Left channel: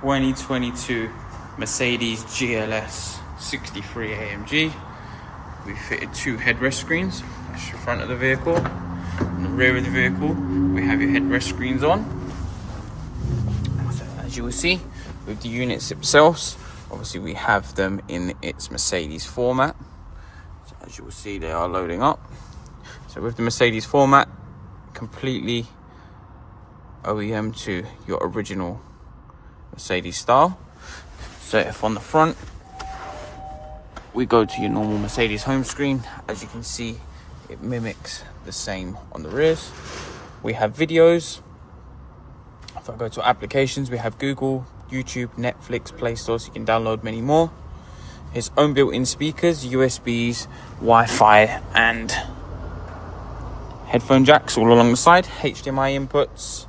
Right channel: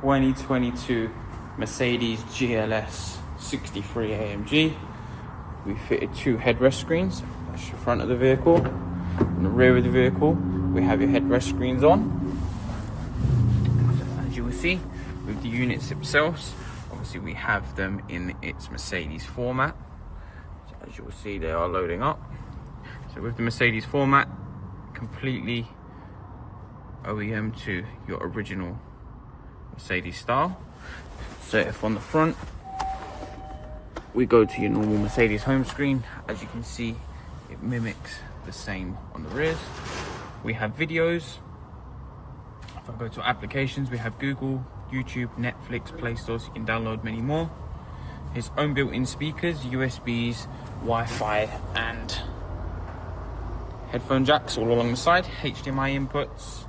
2022 Mercedes GLS 63 AMG. We fitted 2 headrest screens. That's the front of the vehicle. On the rear of the vehicle, we have your headrest screens on. So as you will see, with the units themselves, obviously we have them in its Mercedes format. So as you will see, they are loading up. So with the Mercedes format, completely OEM to your original Mercedes style. So if on the front, we go to your normal Mercedes home screen, as you can see, it mimics the same on the rears. We have videos. If I go to applications, we have Google, YouTube, Netflix, Play Store, so you can download many more. His own built-in speakers, USBs, Wi-Fi, and headphone jacks all along the side. HDMI inputs.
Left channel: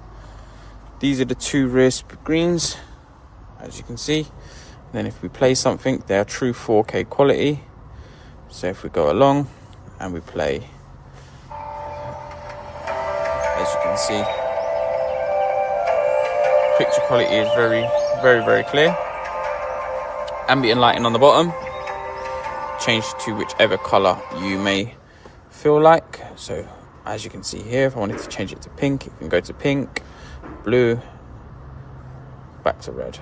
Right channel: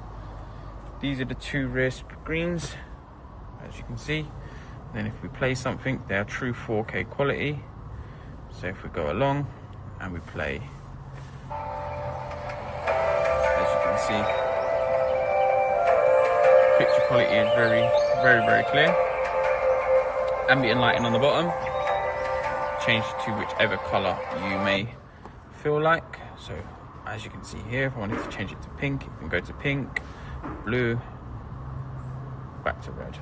These are the 2 rear screens, as you can see. Then if we play something, they are true 4K quality. So if we go along and we play, as you can see, picture quality is very clear. Ambient lighting on the bottom, change to whichever color you may feel like. So as you can see here, if I wanted to change it to pink, it can go to pink, blue, back to red.